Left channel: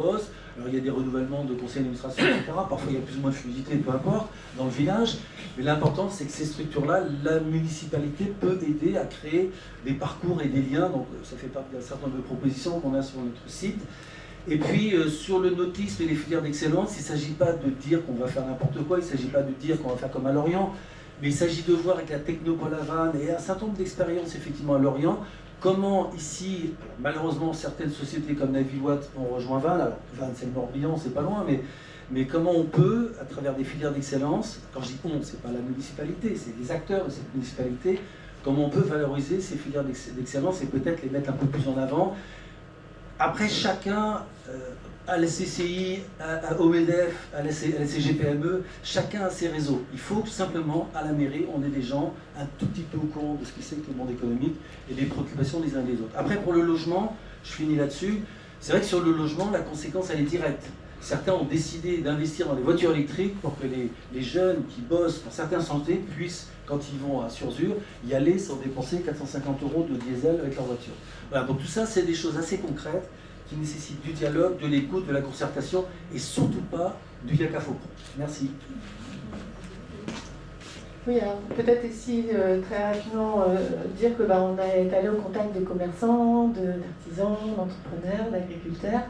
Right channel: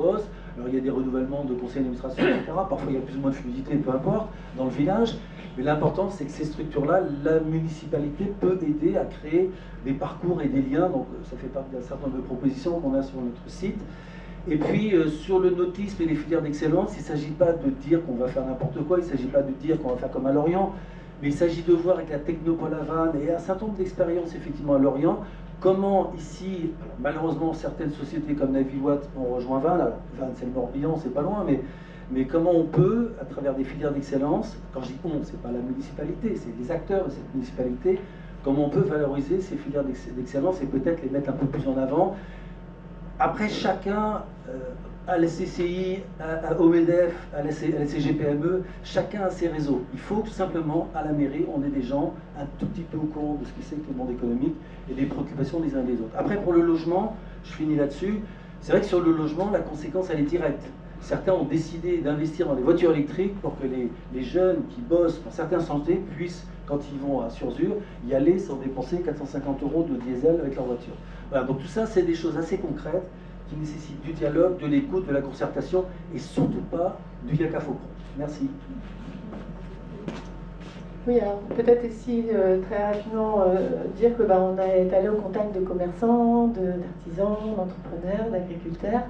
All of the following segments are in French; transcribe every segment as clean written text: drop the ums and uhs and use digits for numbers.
Alors il y a des renouvellements de conseils d'administration, etc. Parfois il y a plus ou moins de fluidité, peu importe, dans le village. Mais l'important, c'est que ces structures-là, la municipalité peut aider à créer des parcours et des liens. Donc ça fait partie d'un certain nombre de propositions qu'on a sur notre site. Et puis sur le nautisme et les filières d'excellence, il ne s'agit pas de dire qu'on va faire n'importe quoi, il ne s'agit pas de dire qu'on va faire comme à Lorient, mais il s'agit de voir avec la Technopole à Vannes et un certain nombre d'expériences effectivement à Lorient, comment ici, malheureusement, certaines sociétés comme Naviwatt ont rejoint Vannes. Alors Vannes c'est le Morbihan, c'est pas loin, mais comment on peut, à travers des filières d'excellence, quand je dis on, c'est pas la municipalité, c'est les acteurs de cette municipalité, comment on peut valoriser ces filières d'excellence et peut-être les mettre un peu plus en avant. Après, chacun, à la CCI, au MEDEF, à la CGPME, chacun a ses réseaux. Il faut que simplement, à la mairie, on ait des gens un tout petit peu au courant de ce que c'est que le monde économique et des préoccupations des uns et des autres. Après, pour le logement, je finis là-dessus, c'est vrai que sur le logement, la conséquence, elle est directe. Certains ont décidé d'investir dans des voitures électriques pour que les jeunes qui bossent dans certaines santé puissent, quand ils vont à Sursur, y aller sans dépenser 450 € de diesel avec leur voiture. Voilà, donc tout ça, c'est des choses assez concrètes qui nécessitent du dialogue, de l'écoute, de la concertation et surtout pas du caca faucon. Merci. Oui, alors peut-être ici très rapidement dire que on est allé au contact de commerçants, d'artisans, d'entrepreneurs, d'agriculteurs.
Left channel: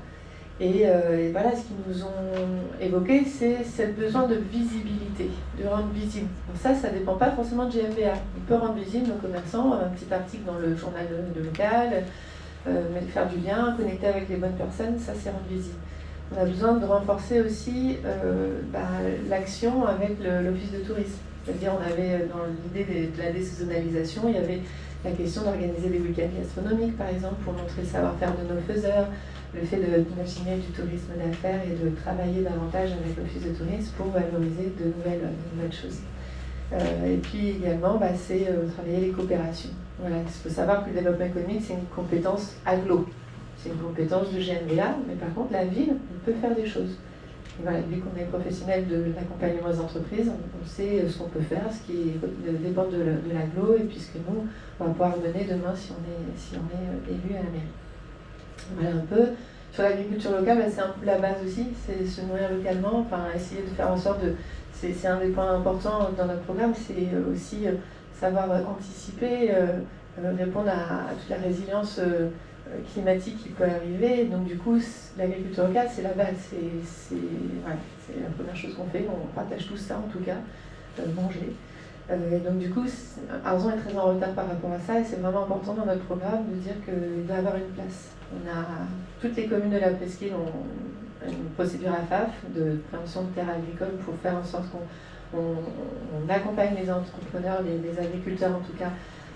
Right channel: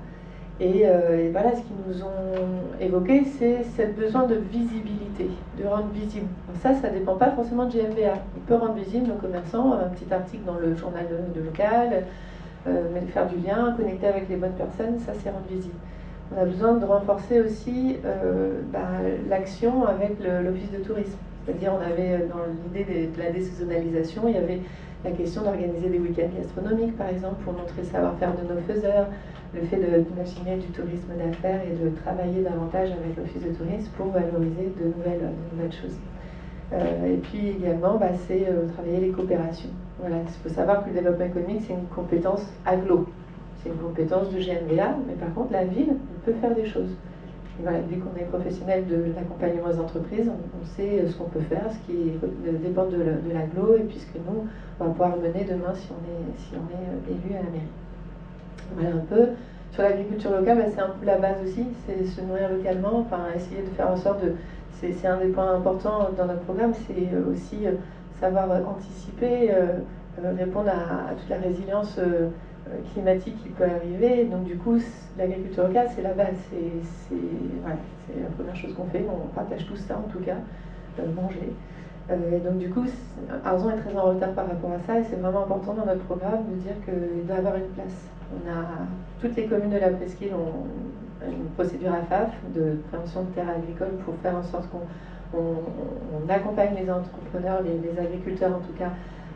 Et voilà, ce qu'ils nous ont évoqué, c'est ce besoin de visibilité, de rendre visible. Donc ça ne dépend pas forcément de GFBA. On peut rendre visible nos commerçants, un petit article dans le journal de local, faire du lien, connecter avec les bonnes personnes, ça c'est rendre visible. On a besoin de renforcer aussi l'action avec l'office de tourisme. C'est-à-dire on avait dans l'idée de la désaisonnalisation, il y avait la question d'organiser des week-ends gastronomiques par exemple pour montrer le savoir-faire de nos faiseurs, le fait d'imaginer du tourisme d'affaires et de travailler davantage avec l'office de tourisme pour valoriser de nouvelles choses. Et puis également, c'est travailler les coopérations. Voilà, il faut savoir que le développement économique, c'est une compétence aglo. C'est une compétence de GNVA, mais par contre, la ville peut faire des choses. Et voilà, vu qu'on est professionnel de l'accompagnement des entreprises, on sait ce qu'on peut faire, ce qui dépend de l'aglo, et puis ce que nous, on va pouvoir mener demain si on est élu à la mairie. Voilà un peu. Sur l'agriculture locale, c'est un peu la base aussi, c'est se nourrir localement, essayer de faire en sorte de... C'est un des points importants dans notre programme, c'est aussi savoir anticiper, répondre à toute la résilience climatique qui peut arriver. Donc du coup, l'agriculture locale, c'est la base, c'est la première chose qu'on fait, on partage tout ça en tout cas, manger. Et donc du coup, Arzon est très en retard par rapport à ça et c'est vraiment important dans notre programme de dire qu'il doit avoir une place. Toutes les communes de la presqu'île ont une procédure AFAF de préemption de terres agricoles pour faire en sorte qu'on accompagne les entrepreneurs, les agriculteurs en tout cas,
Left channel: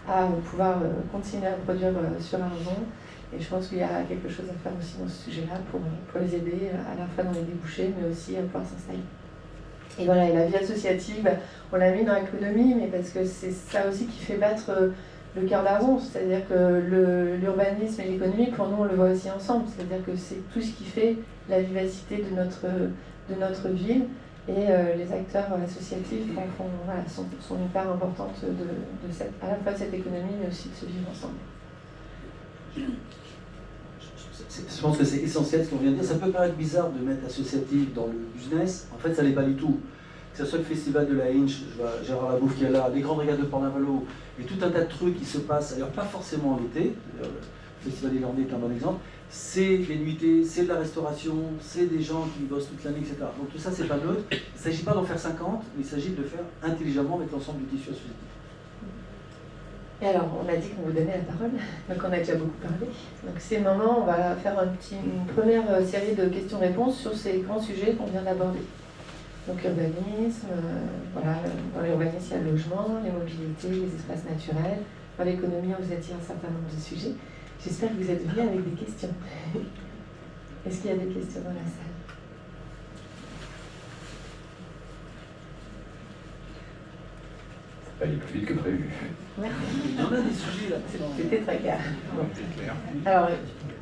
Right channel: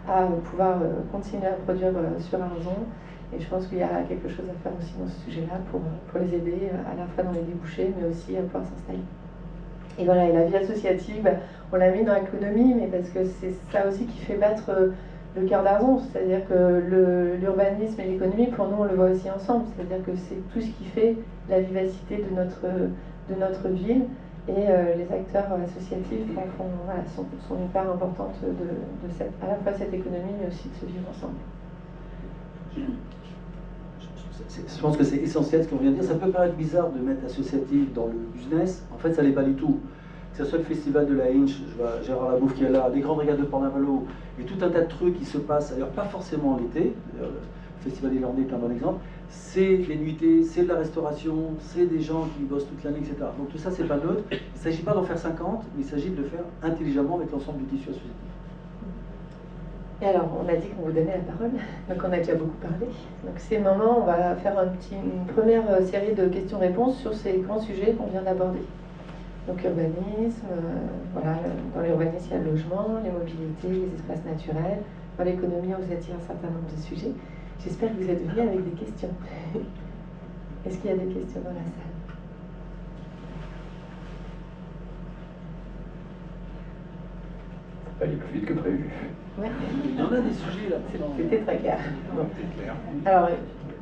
à pouvoir continuer à produire sur Arzon. Et je pense qu'il y a quelque chose à faire aussi dans ce sujet-là pour les aider à la fois dans les débouchés, mais aussi à pouvoir s'installer. Et voilà, et la vie associative, on l'a mis dans l'économie, mais parce que c'est ça aussi qui fait battre le cœur d'Arzon, c'est-à-dire que l'urbanisme et l'économie, pour nous, on le voit aussi ensemble, c'est-à-dire que c'est tout ce qui fait la vivacité de notre ville, et les acteurs associatifs sont une part importante à la fois de cette économie, mais aussi de ce vivre ensemble. Je pense que c'est essentiel ce qu'on vient de dire. Ça peut paraître bizarre de mettre associatif dans le business. En fait, ça n'est pas du tout. Que ce soit le festival de la Hinch, je vois Gérard Labouffe qui est là, des grandes régates de Port-Navalo, et tout un tas de trucs qui se passent, d'ailleurs pas forcément l'été, le festival des Landais est un bon exemple, c'est des nuitées, c'est de la restauration, c'est des gens qui bossent toute l'année, etc. Donc tout ça, c'est pas neutre. Il ne s'agit pas d'en faire 50, mais il s'agit de le faire intelligemment avec l'ensemble du tissu associatif. Et alors, on a dit qu'on vous donnait la parole, donc on a déjà beaucoup parlé. Donc c'est le moment, on va faire une première série de questions-réponses sur ces grands sujets qu'on vient d'aborder. Donc l'urbanisme, dans l'urbanisme il y a le logement, les mobilités, les espaces naturels. Dans l'économie, on vous a dit un certain nombre de sujets. J'espère que vous êtes venus avec des questions. Est-ce qu'il y a des questions dans la salle? Ça va aller plus vite que prévu. Ouais. Il y en a des sujets là. C'était très clair. C'est clair. Alors,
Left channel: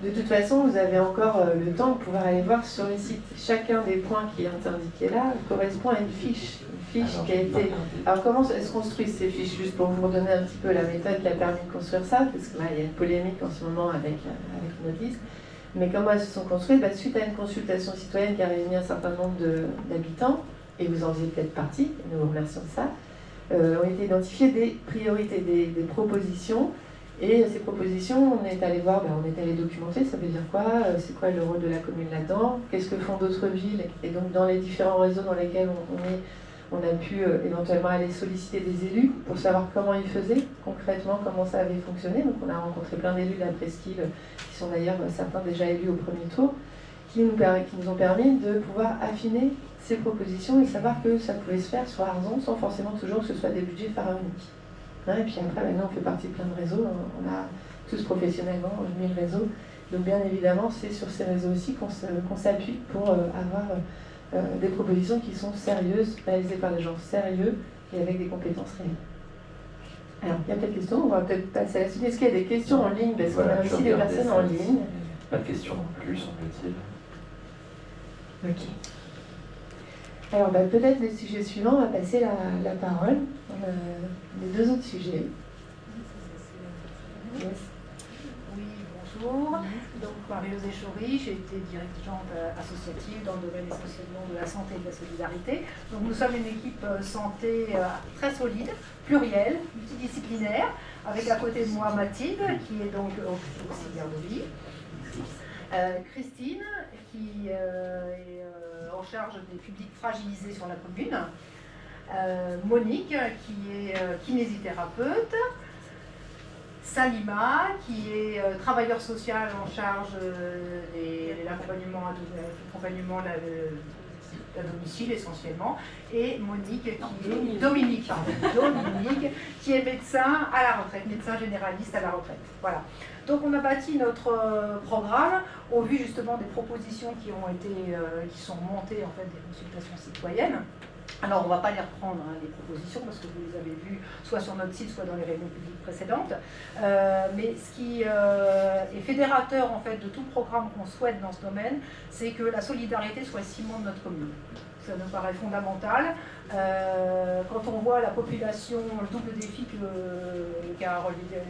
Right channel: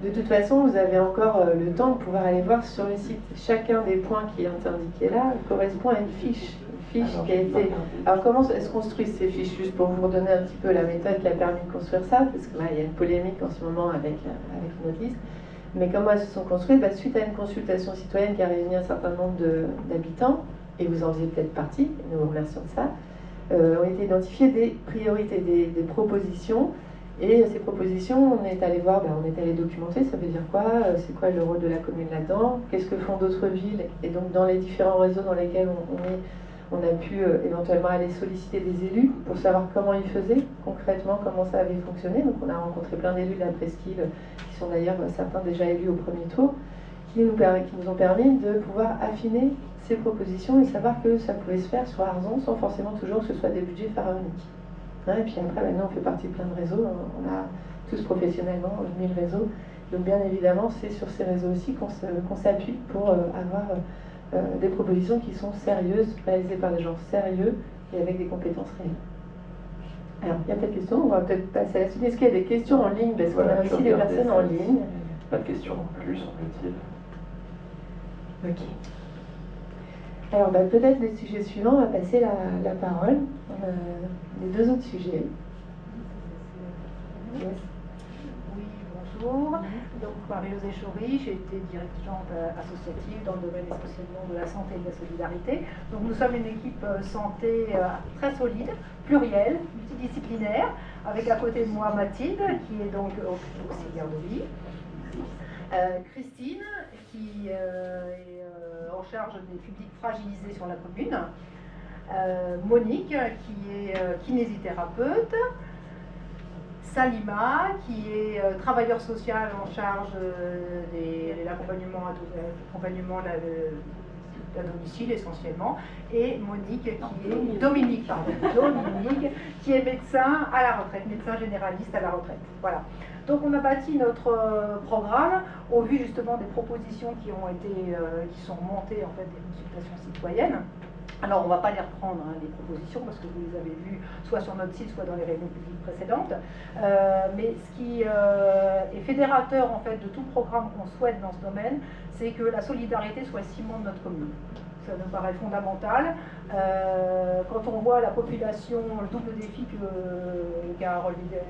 de toute façon, vous avez encore le temps de pouvoir aller voir sur le site. Chacun des points qui est indiqué là correspond à une fiche qui a été... Alors, comment elles se construisent ces fiches? Juste pour vous redonner un petit peu la méthode qui a permis de construire ça, parce que là, il y a une polémique en ce moment avec notre liste. Mais comment elles se sont construites? Suite à une consultation citoyenne qui a réuni un certain nombre d'habitants, et vous en faisiez peut-être partie, nous vous remercions de ça, ont été identifiées des priorités, des propositions. Et ces propositions, on est allé voir, on est allé documenter, ça veut dire quoi, c'est quoi le rôle de la commune là-dedans, qu'est-ce que font d'autres villes, et donc dans les différents réseaux dans lesquels on a pu éventuellement aller solliciter des élus pour savoir comment ils faisaient concrètement, comment ça avait fonctionné. Donc on a rencontré plein d'élus de la presqu'île, qui sont d'ailleurs certains déjà élus au premier tour, qui nous ont permis de pouvoir affiner ces propositions et savoir que ça pouvait se faire sur Arzon sans forcément toujours que ce soit des budgets pharaoniques. Et puis après, maintenant, on fait partie de plein de réseaux. On a tous professionnellement 1000 réseaux. Donc, bien évidemment, c'est sur ces réseaux aussi qu'on s'appuie pour avoir des propositions qui sont sérieuses, réalisées par des gens sérieux et avec des compétences réelles. Alors, il y a peut-être des questions. On va peut-être passer à la suite. Est-ce qu'il y a des questions en ligne? Parce qu'on a aussi des personnes en ligne. Pas de questions non plus, semble-t-il. Ok. Alors, peut-être le sujet suivant, on va passer la parole. Les deux autres sujets. Yes. Oui, bonjour. Donc, Marie-Josée Chaury, j'ai été dirigeante associative dans le domaine essentiellement de la santé et de la solidarité. Donc, nous sommes une équipe santé très solide, plurielle, multidisciplinaire, avec à côté de moi Mathilde, qui est donc auxiliaire de vie. Christine, qui est en charge des publics fragilisés sur la commune. Monique, qui est kinésithérapeute. Salima, qui est travailleur social en charge de l'accompagnement à domicile essentiellement, et Dominique, qui est médecin à la retraite, médecin généraliste à la retraite. Voilà. Donc on a bâti notre programme au vu justement des propositions qui sont montées en fait des consultations citoyennes. Alors on ne va pas les reprendre, les propositions, parce que vous les avez vues soit sur notre site, soit dans les réunions publiques précédentes. Mais ce qui est fédérateur en fait de tout programme qu'on souhaite dans ce domaine, c'est que la solidarité soit le ciment de notre commune. Ça nous paraît fondamental. Quand on voit la population, le double défi qu'a relevé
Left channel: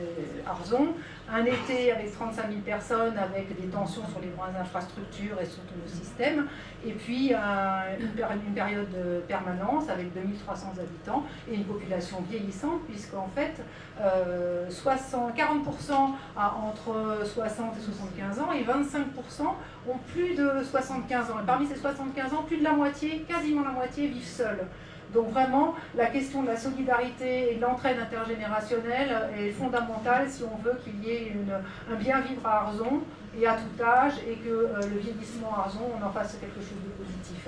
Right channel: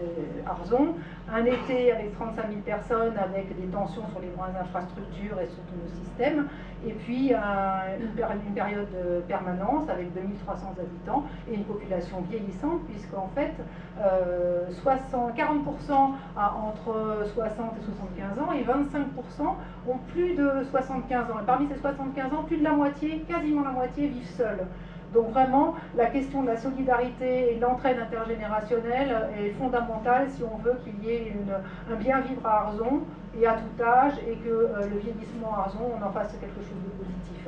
Arzon, un été avec 35 000 personnes, avec des tensions sur les grandes infrastructures et sur tous nos systèmes, et puis une période de permanence avec 2300 habitants et une population vieillissante, puisqu'en fait, 40% entre 60 et 75 ans et 25% ont plus de 75 ans. Et parmi ces 75 ans, plus de la moitié, quasiment la moitié, vivent seuls. Donc vraiment, la question de la solidarité et de l'entraide intergénérationnelle est fondamentale si on veut qu'il y ait un bien-vivre à Arzon et à tout âge, et que le vieillissement à Arzon, on en fasse quelque chose de positif.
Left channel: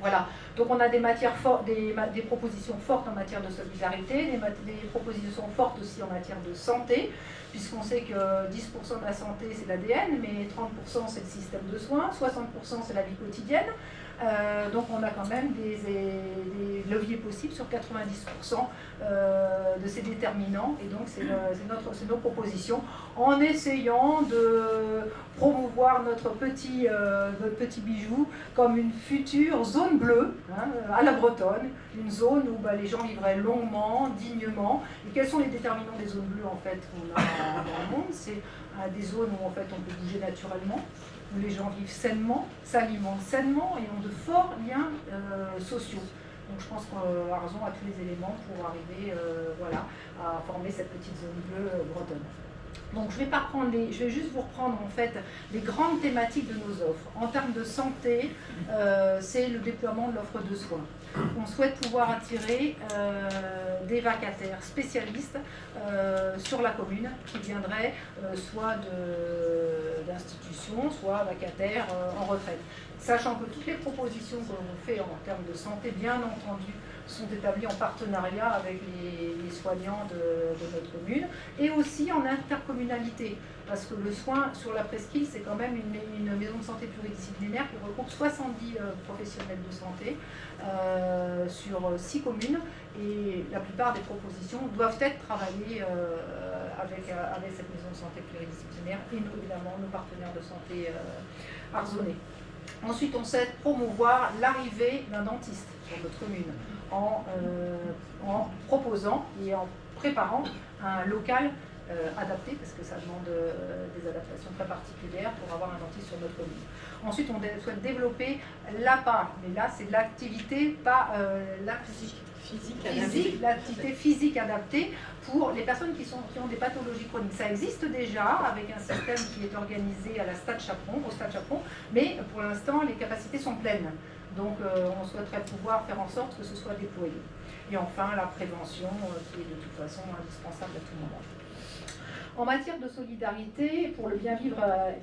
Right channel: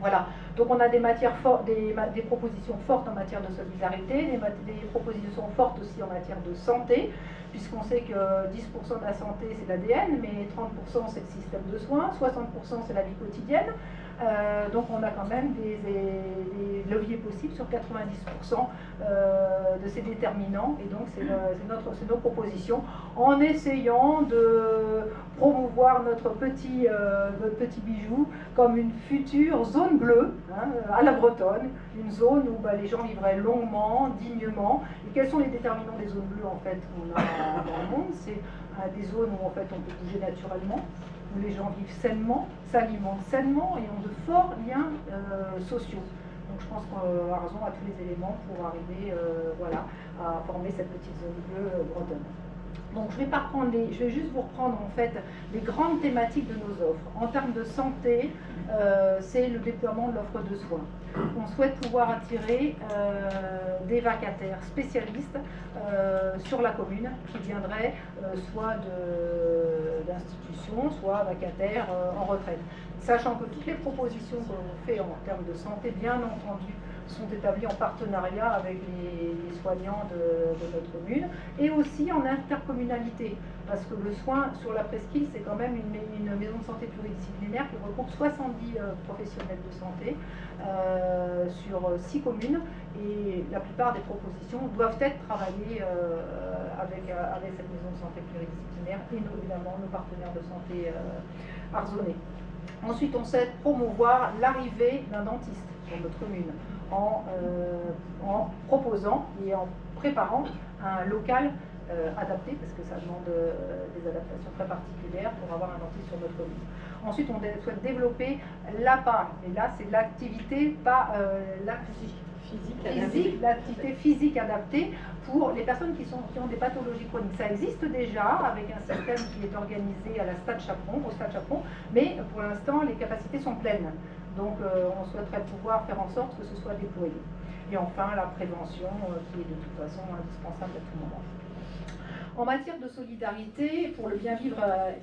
Voilà, donc on a des propositions fortes en matière de solidarité, des propositions fortes aussi en matière de santé, puisqu'on sait que 10% de la santé c'est l'ADN, mais 30% c'est le système de soins, 60% c'est la vie quotidienne. Donc on a quand même des leviers possibles sur 90% de ces déterminants, et donc c'est nos propositions, en essayant de promouvoir notre petit bijou comme une future zone bleue, à la bretonne, une zone où les gens vivraient longuement, dignement. Et quels sont les déterminants des zones bleues en fait qu'on a dans le monde? C'est des zones où en fait on peut bouger naturellement, où les gens vivent sainement, s'alimentent sainement et ont de forts liens sociaux. Donc je pense qu'Arzon a tous les éléments pour arriver à former cette petite zone bleue bretonne. Donc je vais juste vous reprendre en fait les grandes thématiques de nos offres. En termes de santé, c'est le déploiement de l'offre de soins. On souhaite pouvoir attirer des vacataires spécialistes sur la commune qui viendraient soit d'institutions, soit vacataires en retraite. Sachant que toutes les propositions que l'on fait en termes de santé, bien entendu, sont établies en partenariat avec les soignants de notre commune, et aussi en intercommunalité, parce que le soin sur la presqu'île, c'est quand même une maison de santé pluridisciplinaire qui regroupe 70 professionnels de santé sur 6 communes, et la plupart des propositions doivent être travaillées avec cette maison de santé pluridisciplinaire et évidemment nos partenaires de santé arzonnais. Ensuite, on sait promouvoir l'arrivée d'un dentiste sur notre commune en proposant et en préparant un local adapté, parce que ça demande des adaptations très particulières pour avoir un dentiste sur notre commune. Ensuite, on souhaite développer l'APA, et là c'est l'activité, pas l'activité physique adaptée pour les personnes qui ont des pathologies chroniques. Ça existe déjà avec un système qui est organisé à la Stade Chaperon, au Stade Chaperon, mais pour l'instant les capacités sont pleines. Donc on souhaiterait pouvoir faire en sorte que ce soit déployé. Et enfin la prévention qui est de toute façon indispensable à tout moment. En matière de solidarité, pour le bien vivre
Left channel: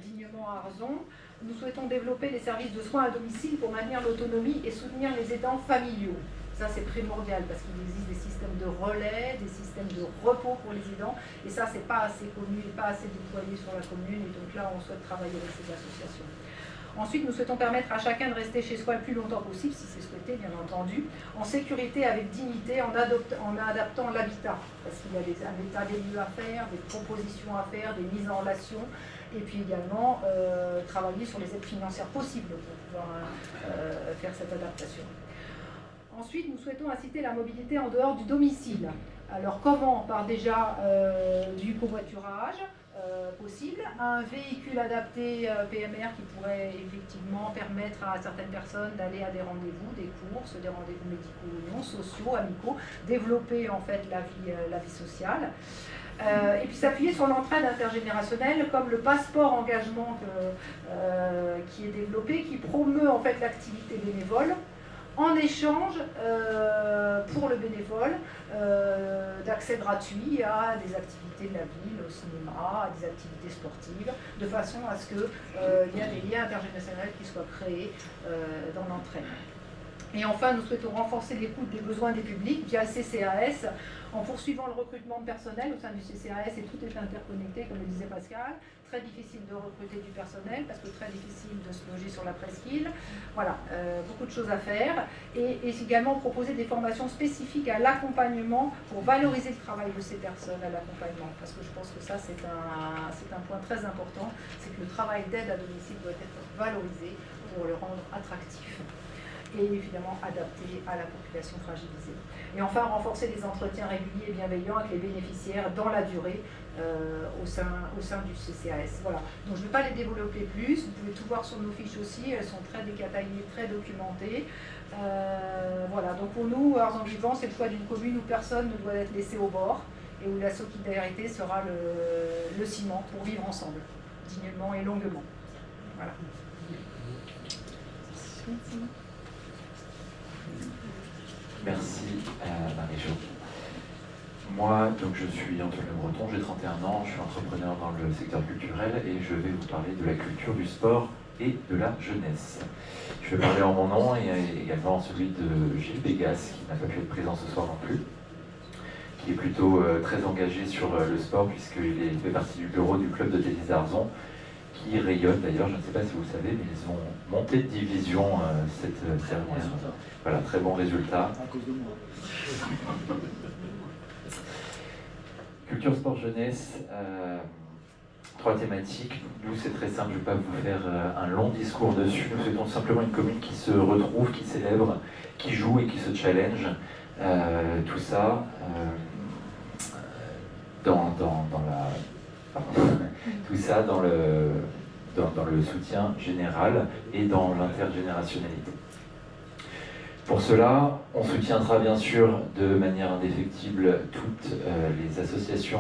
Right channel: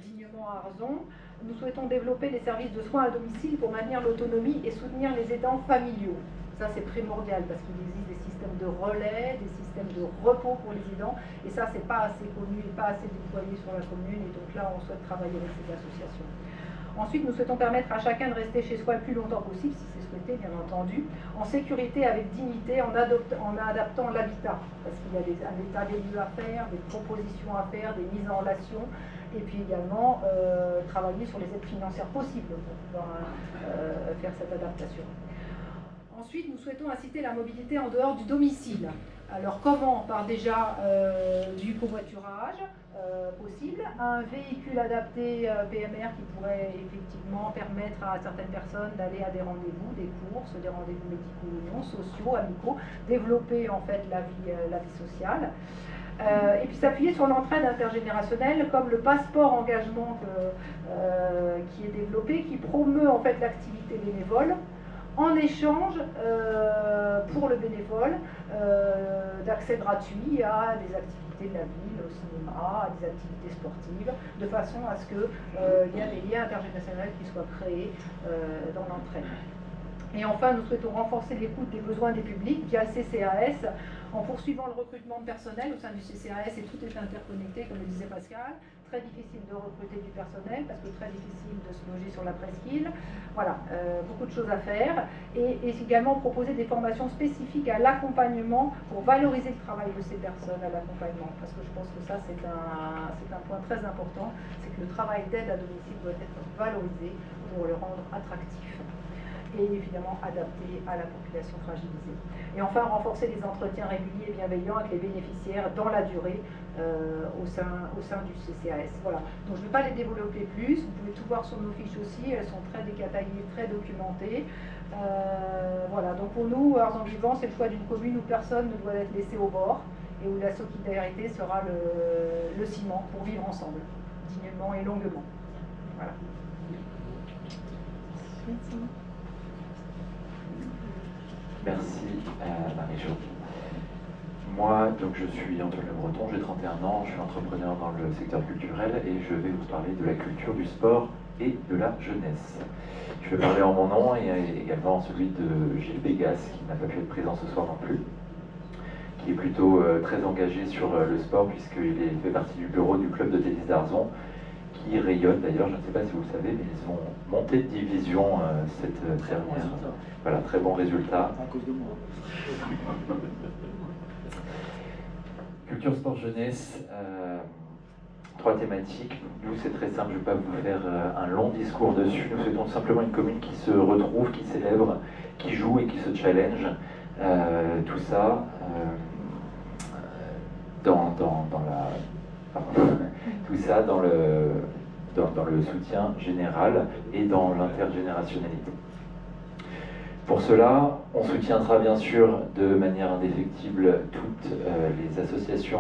dignement à Arzon, nous souhaitons développer des services de soins à domicile pour maintenir l'autonomie et soutenir les aidants familiaux. Ça, c'est primordial parce qu'il existe des systèmes de relais, des systèmes de repos pour les aidants. Et ça, c'est pas assez connu et pas assez déployé sur la commune. Et donc là, on souhaite travailler avec ces associations. Ensuite, nous souhaitons permettre à chacun de rester chez soi le plus longtemps possible, si c'est souhaité, bien entendu, en sécurité, avec dignité, en adaptant l'habitat. Parce qu'il y a un état des lieux à faire, des propositions à faire, des mises en relation. Et puis également, travailler sur les aides financières possibles pour pouvoir faire cette adaptation. Ensuite, nous souhaitons inciter la mobilité en dehors du domicile. Alors comment? Par déjà du covoiturage possible, un véhicule adapté PMR qui pourrait effectivement permettre à certaines personnes d'aller à des rendez-vous, des courses, des rendez-vous médicaux, sociaux, amicaux, développer en fait la vie sociale. Et puis s'appuyer sur l'entraide intergénérationnelle comme le passeport engagement qui est développé, qui promeut en fait l'activité bénévole, en échange, pour le bénévole, d'accès gratuit à des activités de la ville, au cinéma, à des activités sportives, de façon à ce qu'il y ait des liens intergénérationnels qui soient créés dans l'entraide. Et enfin, nous souhaitons renforcer l'écoute des besoins des publics via le CCAS, en poursuivant le recrutement de personnel au sein du CCAS, et tout est interconnecté, comme le disait Pascal. Très difficile de recruter du personnel, parce que très difficile de se loger sur la presqu'île. Voilà, beaucoup de choses à faire. Et également proposer des formations spécifiques à l'accompagnement pour valoriser le travail de ces personnes à l'accompagnement. Parce que je pense que ça, c'est un point très important, c'est que le travail d'aide à domicile doit être valorisé pour le rendre attractif et évidemment adapté à la population fragilisée. Et enfin, renforcer les entretiens réguliers et bienveillants avec les bénéficiaires dans la durée au sein du CCAS. Voilà. Donc je ne vais pas les développer plus, vous pouvez tout voir sur nos fiches aussi, elles sont très détaillées, très documentées. Voilà, donc pour nous, Arzon Vivant, c'est le choix d'une commune où personne ne doit être laissé au bord et où la solidarité sera le ciment pour vivre ensemble, dignement et longuement. Voilà. Merci Marie-Jo. Moi, donc, je suis Antoine Le Breton, j'ai 31 ans, je suis entrepreneur dans le secteur culturel et je vais vous parler de la culture, du sport et de la jeunesse. Je vais parler en mon nom et également celui de Gilles Bégas, qui n'a pas pu être présent ce soir non plus, qui est plutôt très engagé sur le sport puisqu'il fait partie du bureau du club de tennis d'Arzon, qui rayonne d'ailleurs, je ne sais pas si vous le savez, mais ils ont monté de division cette dernière. Voilà, très bon résultat. À cause de moi. Culture, sport, jeunesse, 3 thématiques. Nous, c'est très simple, je ne vais pas vous faire un long discours dessus. Nous souhaitons simplement une commune qui se retrouve, qui célèbre, qui joue et qui se challenge. Tout ça tout ça dans le soutien général et dans l'intergénérationnalité. Pour cela, on soutiendra bien sûr de manière indéfectible toutes les associations